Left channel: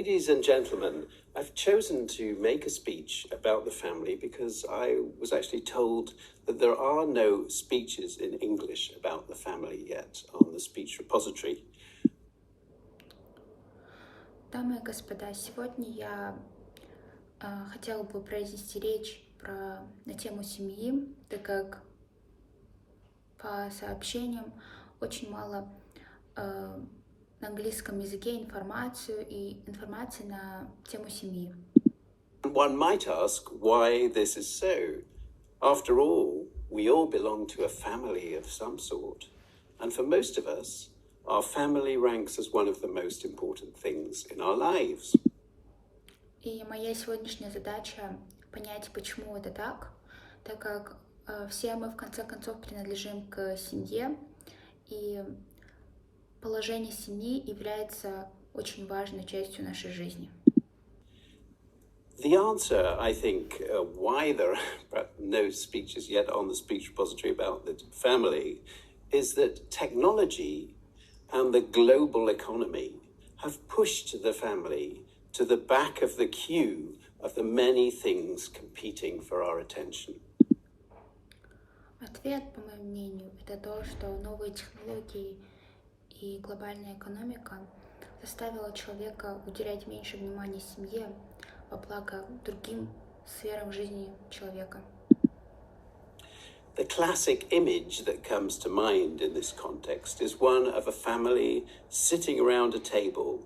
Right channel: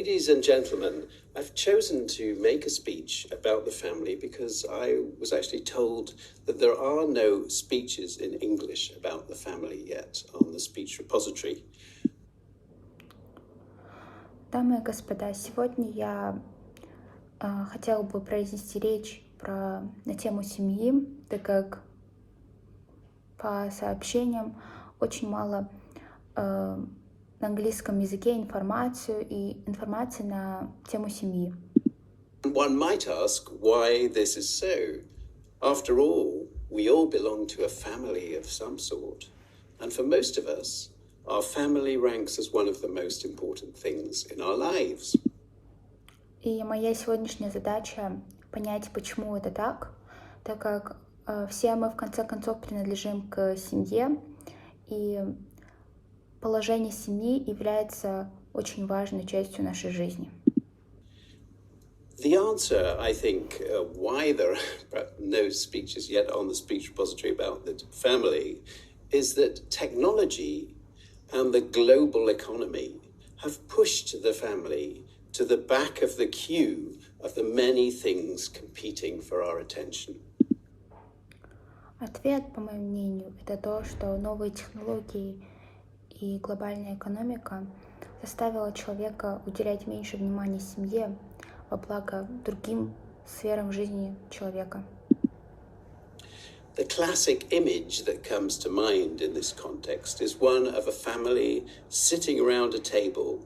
Ladies and gentlemen, I've chosen to make a speech about the family because I was actually told that there are no speeches in English about the family yet on the speech repository. Дамы и господа, сегодня я хотела бы произнести речь на тему семьи, так как по сообщениям очень мало на английском языке информации на тему семьи. One might ask why this is so. After all, we all belong to a family of some sort, and for most of us, our family ranks as one of the most important things in our lives. И моя сегодняшняя задача понять, почему это так как все мы в конце концов принадлежим к семье, и положение семьи является очень важной частью нашей жизни. The answer, I think, why there are no speeches yet on the speech repository about the family is that technology and the global economy have pushed the family to the back of the queue of the many things competing for our attention. Ответ, по моему мнению, это то, что новые технологии и глобальная экономика заставила человека уделять меньше внимания семье во благо другим сферам жизни человека. The classic image that comes to mind in this context is one of a family sitting around a table,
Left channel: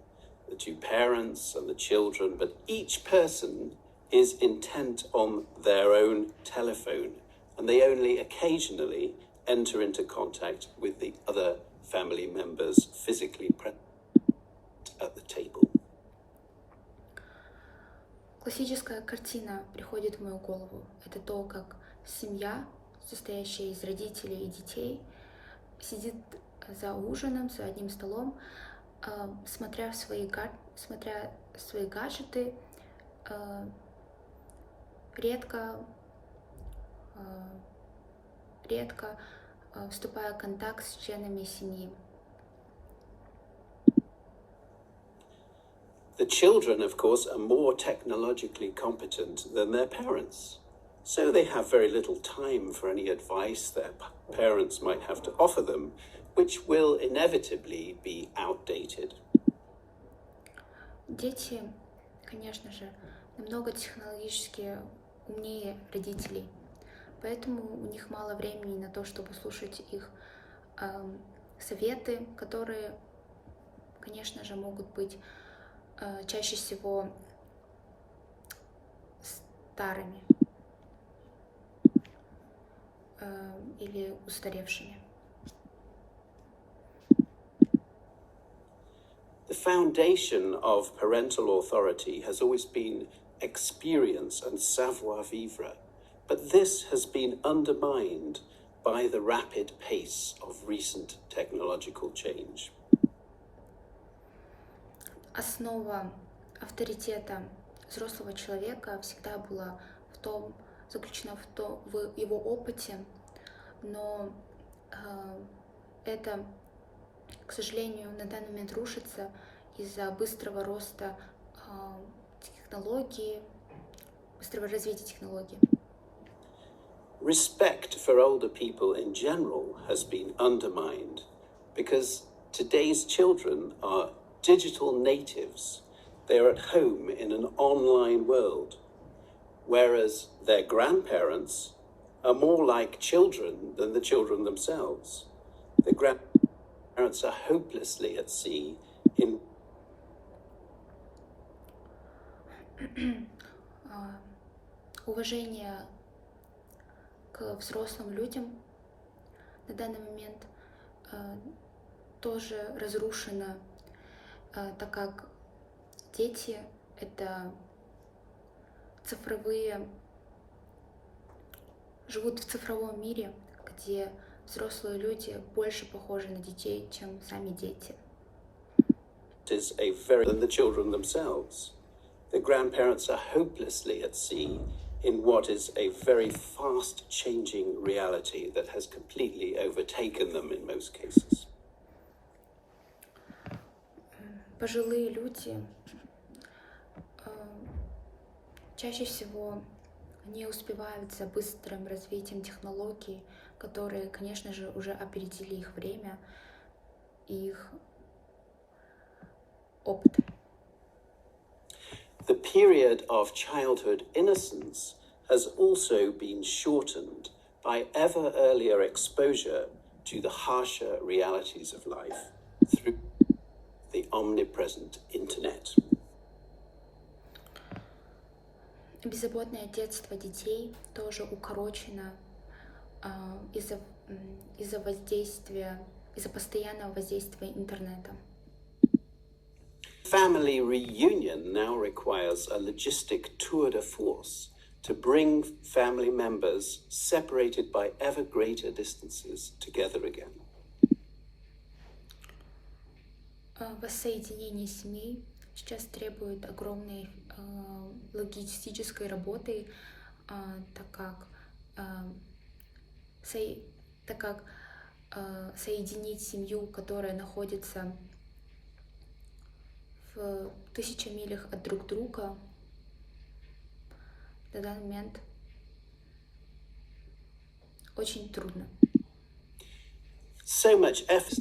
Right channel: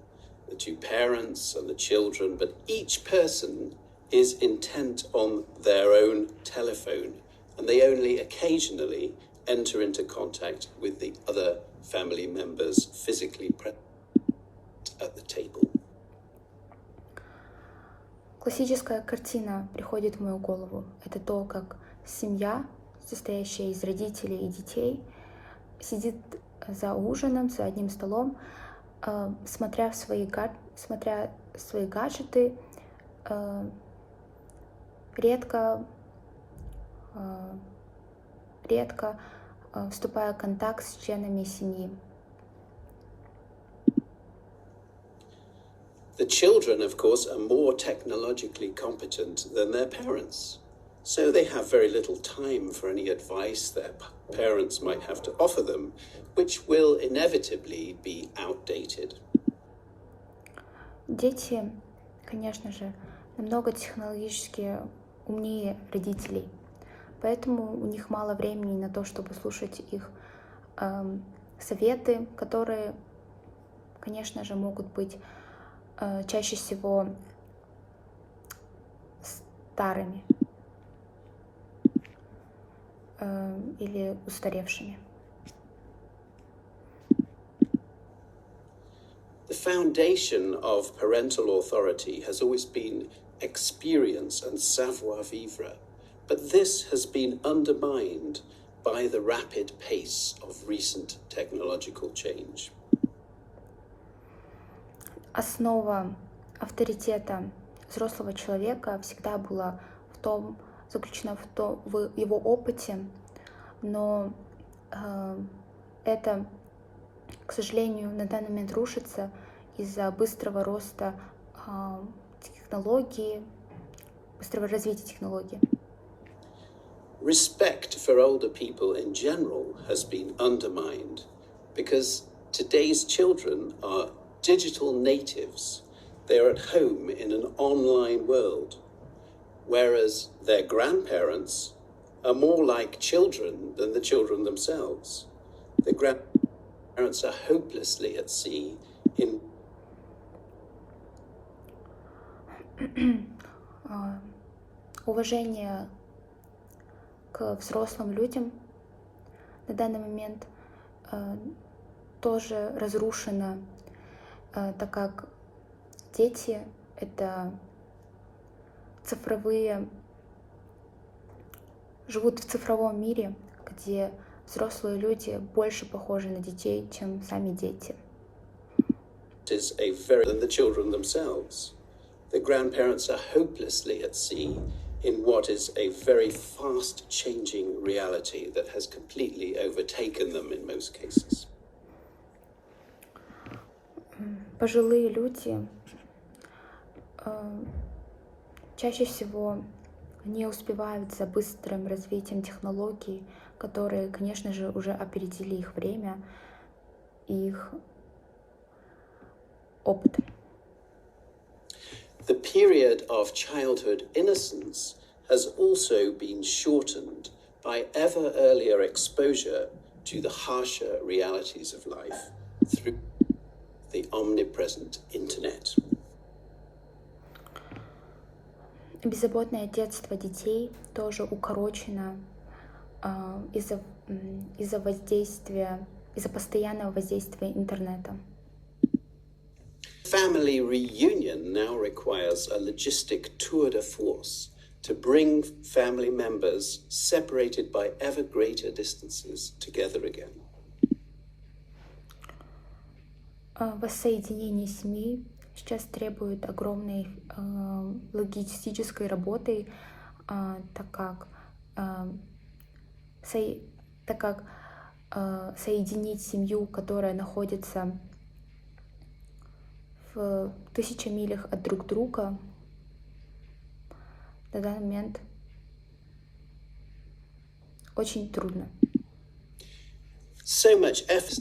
the two parents and the children, but each person is intent on their own telephone, and they only occasionally enter into contact with the other family members physically present at the table. Классическая картина приходит в мою голову. Это то, как семья, состоящая из родителей и детей, сидит за ужином, за одним столом, смотря свои гаджеты, редко вступая в контакт с членами семьи. The children, of course, are more technologically competent than their parents, so they have very little time for any advice their parents might have to offer them, which will inevitably be outdated. Дети, конечно же, намного технологически умнее родителей, поэтому у них мало времени на то, чтобы слушать их советы, которые, конечно же, могут быть чаще всего старыми или устаревшими. The foundation of parental authority has always been experience and savoir-vivre, but this has been undermined by the rapid pace of recent technological change. Основа авторитета взрослого человека всегда была заключена в его опыте, но это, к сожалению, на данный момент рушится из-за быстрого роста технологий, быстрого развития технологий. Respect for older people in general has been undermined because today's children are digital natives. They're at home in an online world, whereas their grandparents are more like children than the children themselves. The grandparents are hopelessly at sea in Уважение к взрослым людям на данный момент тоже разрушено, так как дети — это живут в цифровом мире, где взрослые люди больше похожи на детей, чем сами дети. than the children themselves. The grandparents are hopelessly at sea in what is a very fast-changing reality that has completely overtaken them in most cases. Пожилые люди чаще всего не успевают за быстрым развитием технологий, которые, конечно же, уже опередили их время и их опыт. The period of childhood innocence has also been shortened by ever earlier exposure to the harsher realities of life through the omnipresent internet. Беззаботное детство детей тоже укорочено из-за постоянного воздействия интернета. Family reunion now requires a logistic tour de force to bring family members separated by ever greater distances together again. Воссоединение семьи сейчас требует огромной логистической работы, так как соединить семью, которая находится в 1000 милях от друг друга, на данный момент очень трудно. So much effort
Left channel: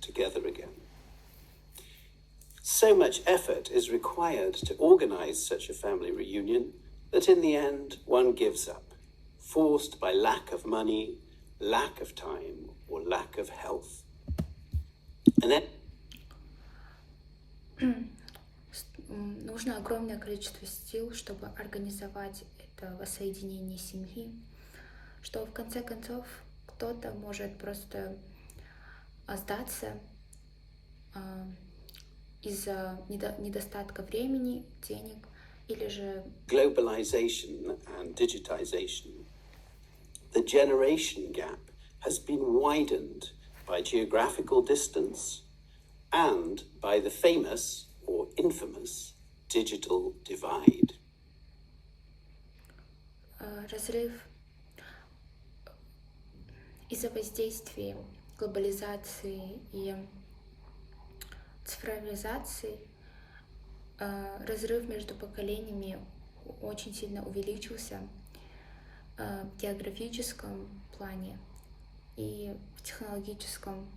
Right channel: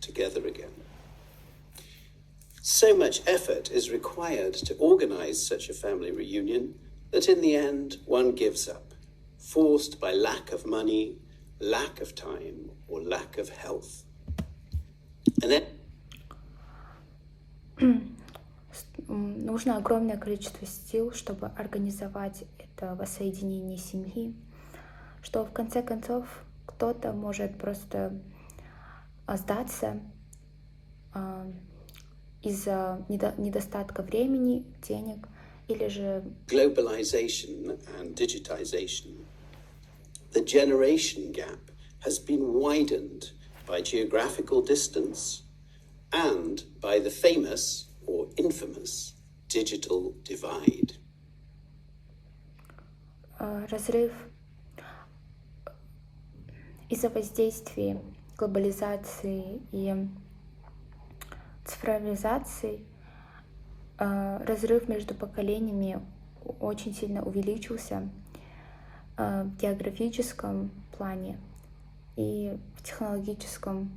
together again. So much effort is required to organize such a family reunion that in the end one gives up, forced by lack of money, lack of time, or lack of health. And then нужно огромное количество сил, чтобы организовать это воссоединение семьи, что в конце концов кто-то может просто сдаться из-за недостатка времени, денег, или же globalization and digitization, the generation gap has been widened by geographical distance and by the famous or infamous digital divide. Разрыв из-за воздействия глобализации и цифровизации, разрыв между поколениями очень сильно увеличился в географическом плане и в технологическом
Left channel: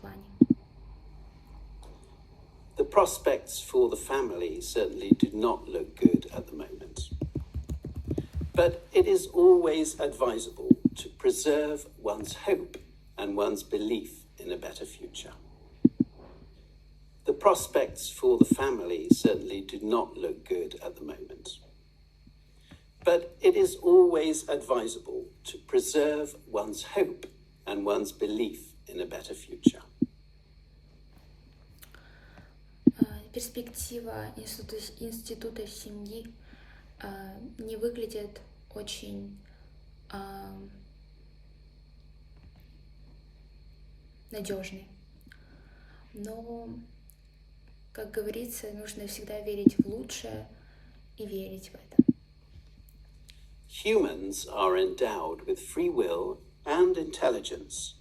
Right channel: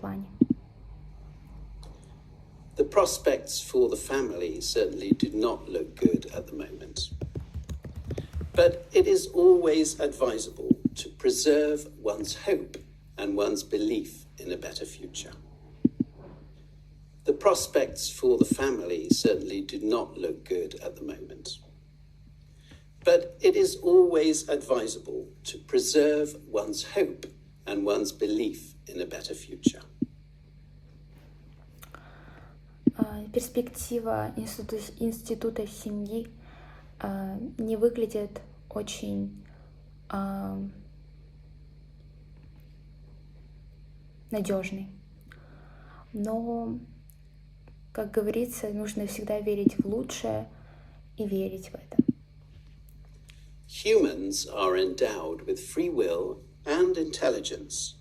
плане. The prospects for the family certainly do not look good at the moment. But it is always advisable to preserve one's hope and one's belief in a better future. The prospects for the family certainly do not look good at the moment. But it is always advisable to preserve one's hope and one's belief in a better future. Перспектива института семьи не выглядит очень надежной. Но, как говорится, нужно всегда верить в лучшее и верить в это. Humans are endowed with free will and intelligence,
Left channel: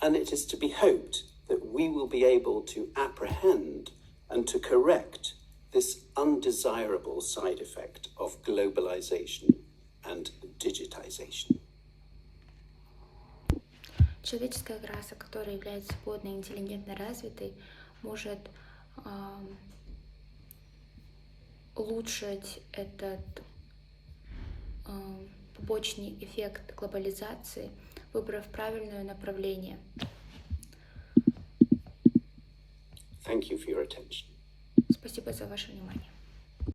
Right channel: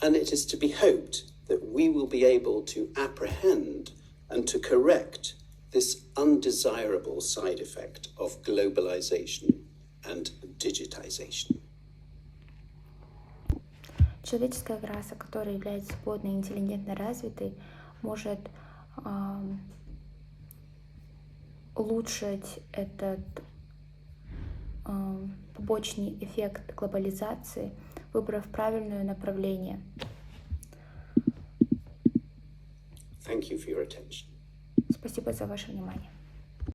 and it is to be hoped that we will be able to apprehend and to correct this undesirable side effect of globalization and digitization. Человеческая раса, которая является свободной и интеллигентно развитой, может улучшить этот побочный эффект глобализации, выбрав правильное направление. Thank you for your attention. Спасибо за ваше внимание.